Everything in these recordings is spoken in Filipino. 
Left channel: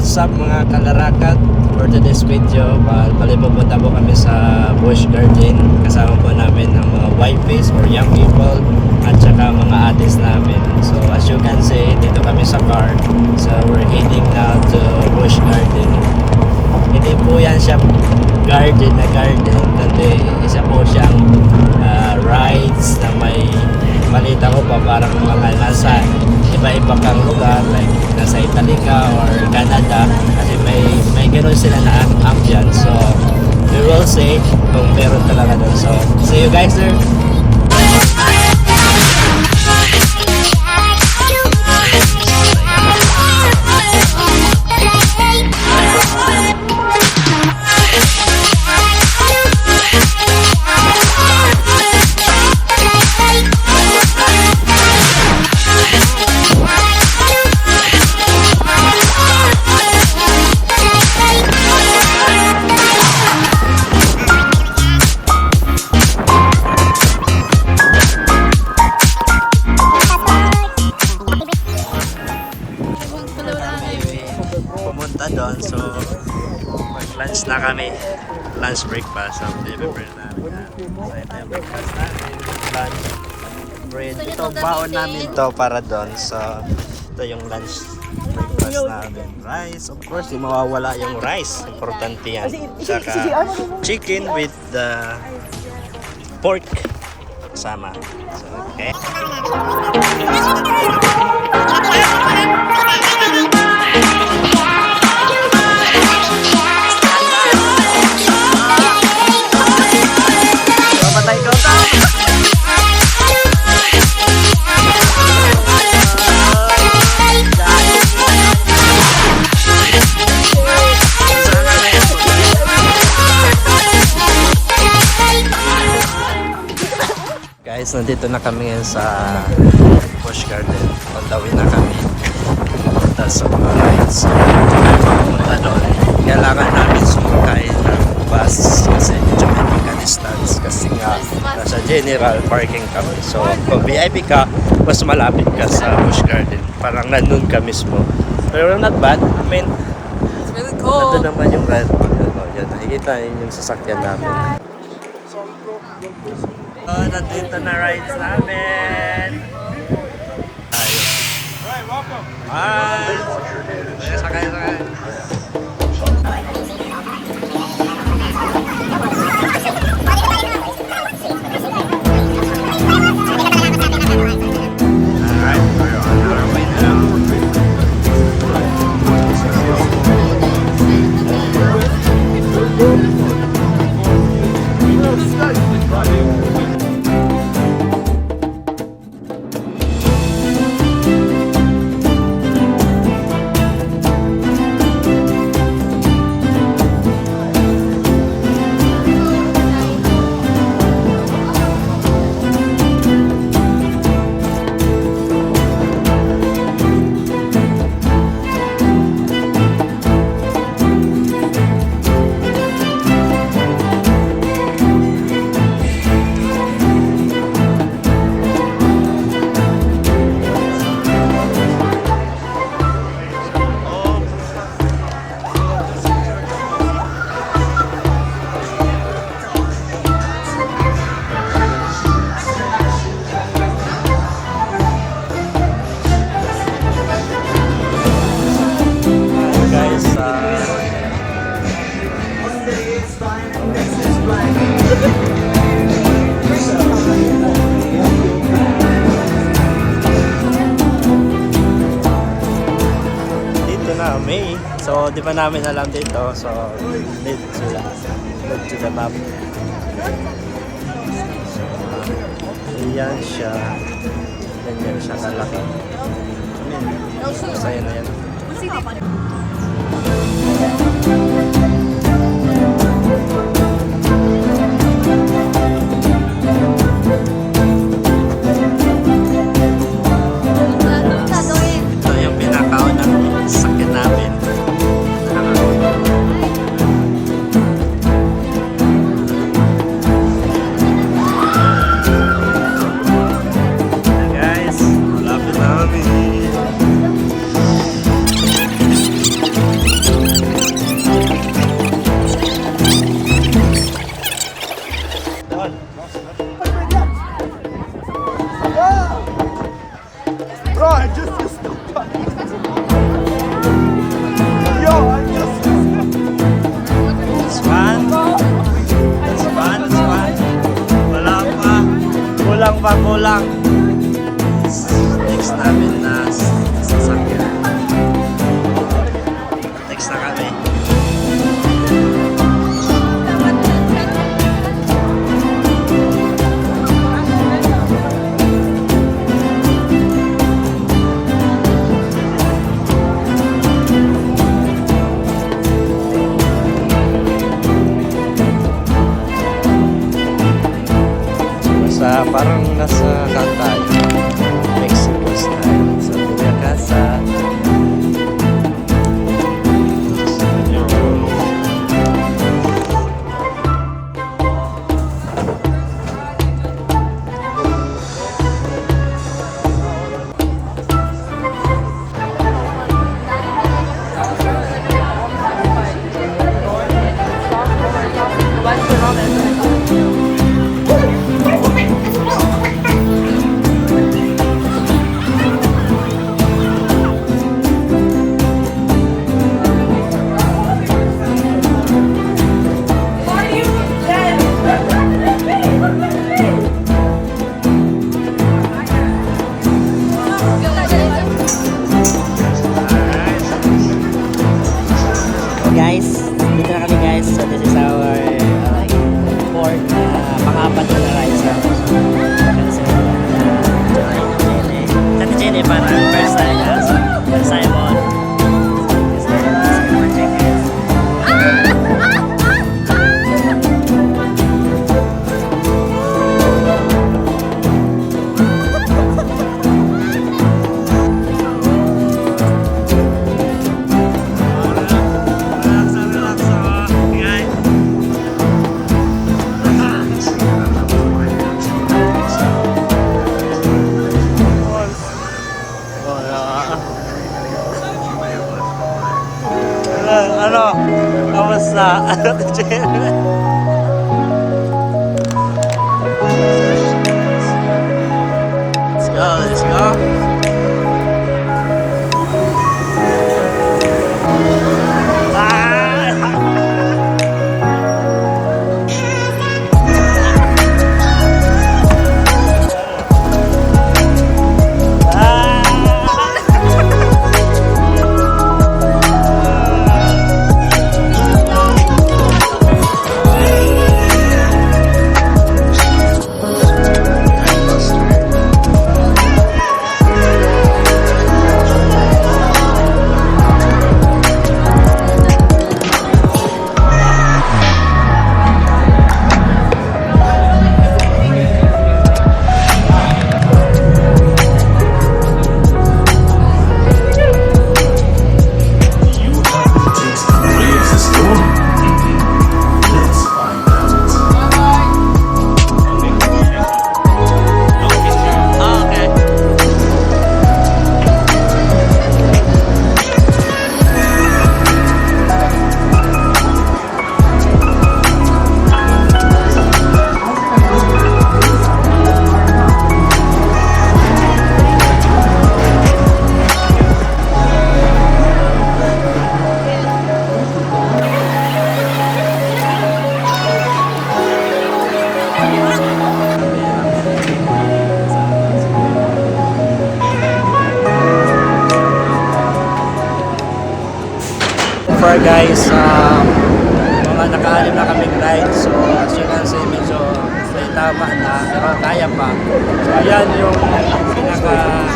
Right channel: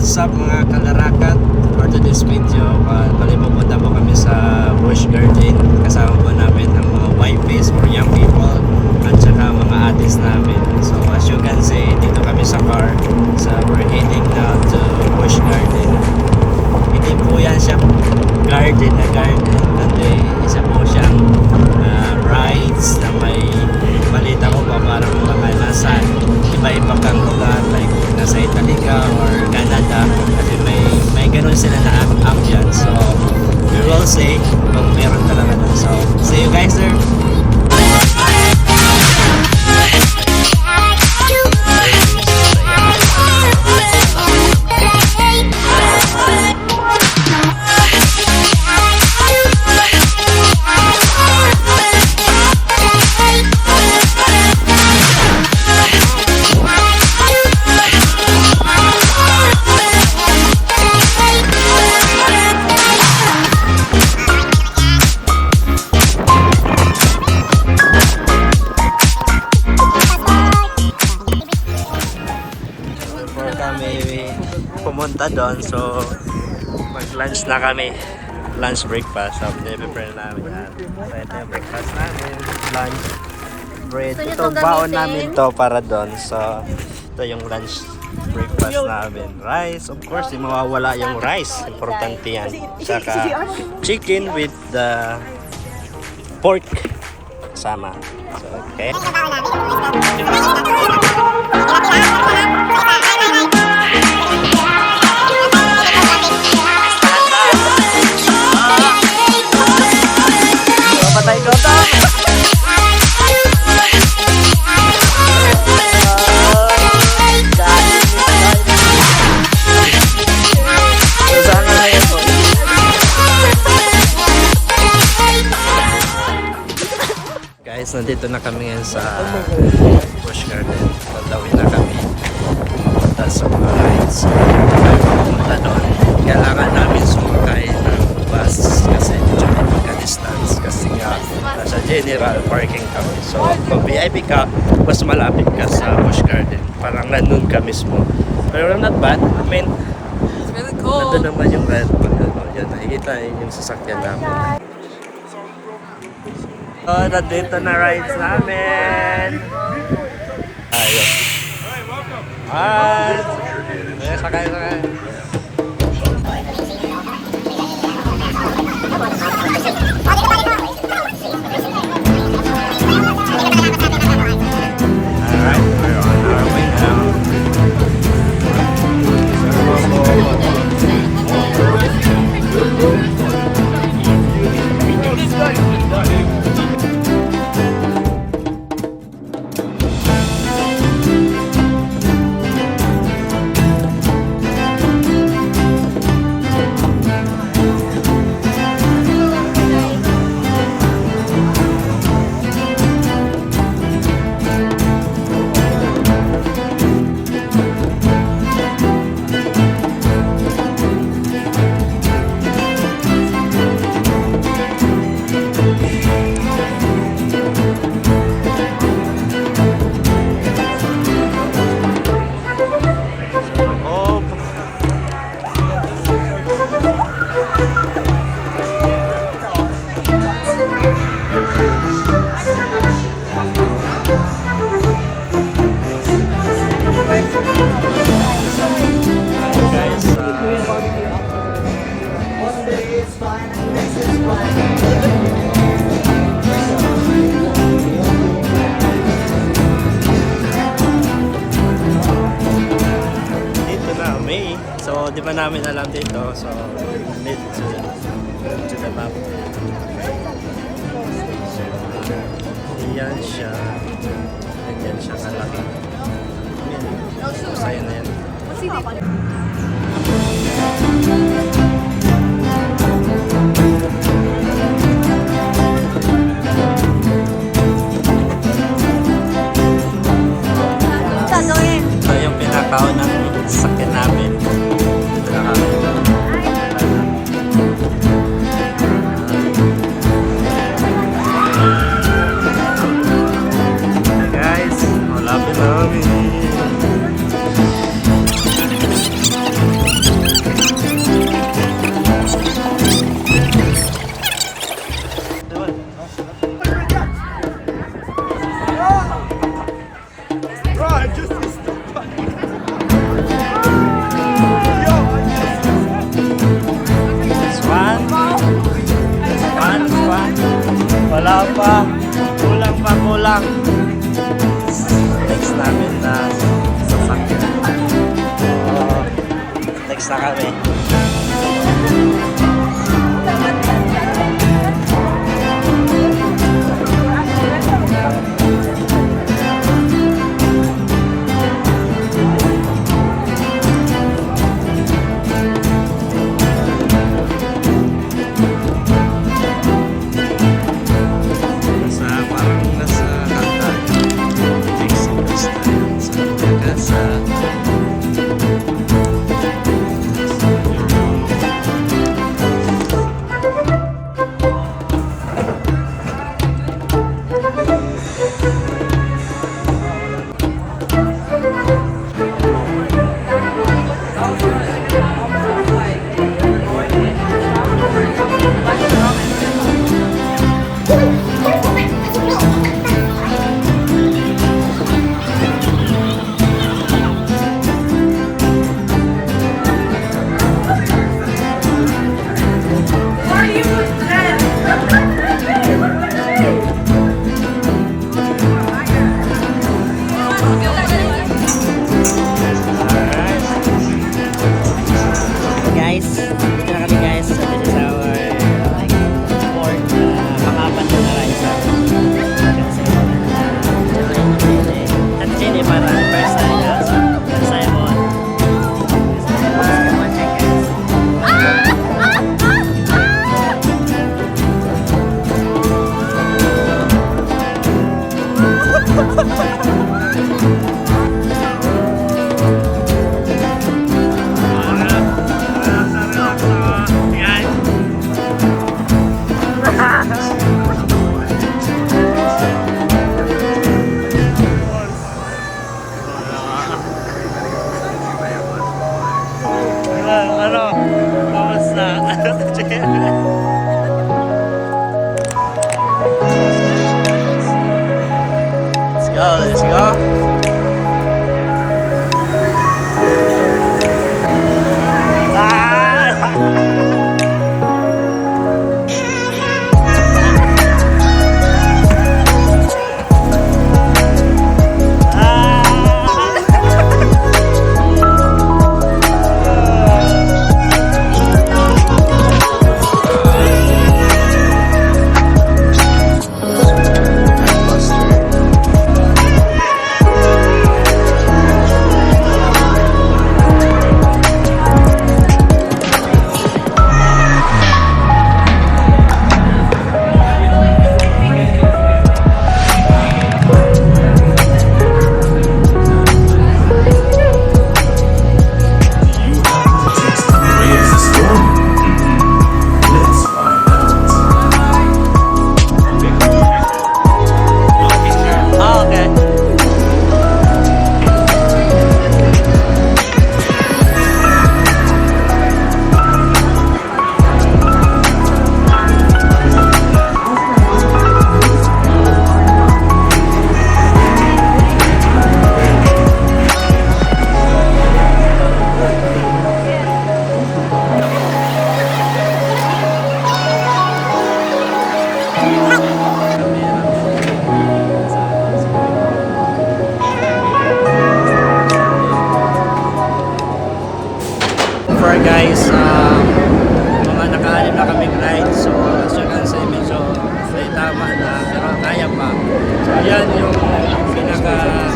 What's up mga kalarakat? For today's video, bali pupunta po kami sa Busch Garden. Kasama po namin ang mga wifeys or young people at saka mga atis namin. So as you can see, dito kami sa car. So we're heading now to Busch Garden. Hindi po yan siya garden na garden, kundi isa po siyang rides na may balita ko pa parang mga nasa iba-iba kang lugar, like nasa Italy ka or Canada, kasi may ganoon sila na ambience. So we will see kung meron talaga doon. So see you guys there. Pumunta doon, so mag-lunch na kami, lunch breakfast. So prepare namin yan. So ito yung breakfast namin, lunch, bread. Ito baon namin to para doon. So ito yung lunch breakfast namin. Rice, of course, di mawawala yung rice, importante yan. Saka chicken with the pork sama. So, okay. Patay ko to. Guys, nandito na kami ngayon sa Busch Garden. Pagdawin na kami sa mga rides. Kaya makapunta doon. Kailangan namin sumakay ng bus kasi medyo may magka-distance kasi nga nasa general parking kami. So kung VIP ka, mas malapit ka sa Busch Garden. Parang nandun ka mismo. Pero not bad. I mean, it's really cool. nandun naman yung red. Yan, nakikita yung sasakyan namin. So, nandito na rides namin. Ayun. Hi! Sakay. Alright, we're on our way now. So, di ba namin alam dito? So, lead to the map. Okay. So, iyan siya. Ganyan siya kalaki. I mean, masaya na yan. Ito yung pinakaon ng sakyan namin. Guys, malapit na kami. lang. Next namin na sasakyan. Next na kami. Parang nasa Calcay, Mexico style. So, Yakasa. Guys, dito na kami guys. So this is our like fourth pang-apat na ride sa kasi at sini para first time guys. First time on. Ano? Kamusta? Let's go, let's go. far guys, mga naka-anim na kaming ride. So as you can see, medyo may tama na, pero kaya pa. So yan yung pinaka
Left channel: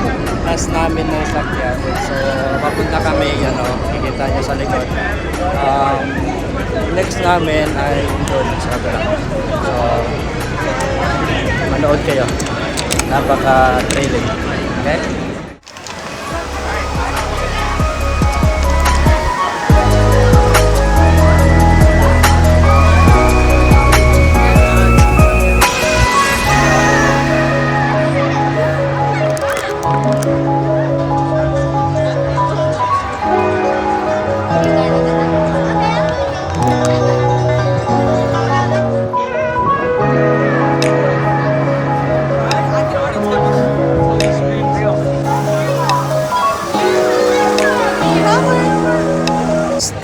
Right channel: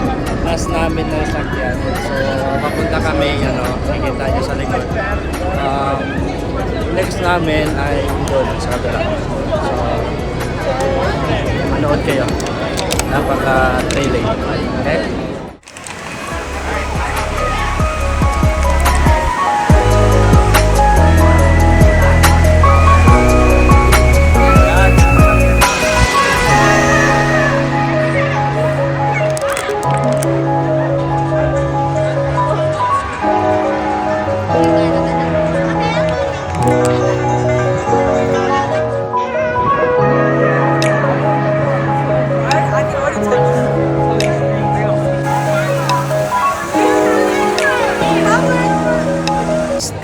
last namin na sakyan. So papunta kami, nakikita nyo sa likod. Next namin ay doon sa kabila. So manood kayo, napaka-thrilling. Okay?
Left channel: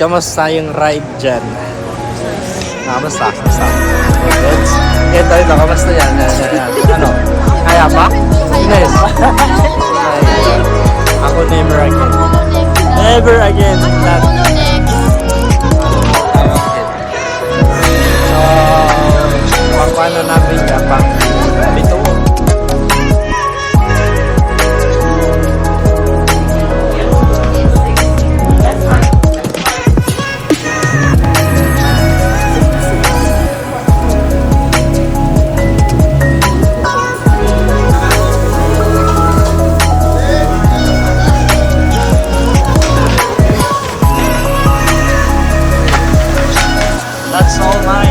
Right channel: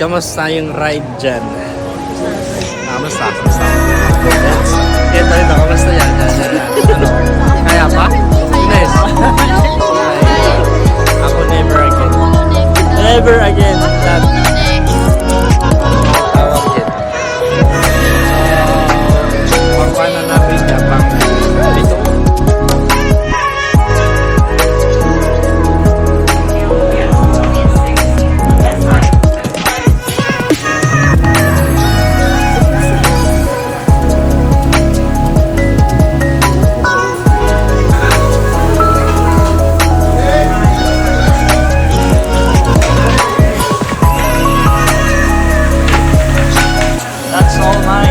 Kamusta yung ride dyan? Kamusta? Kamusta? Ito, kamusta yan? Ano? Kaya pa? Hindi. Ako never again. Never again. That tawag dun. So, pangkuhan na namin niya, pang pito. That's all mine.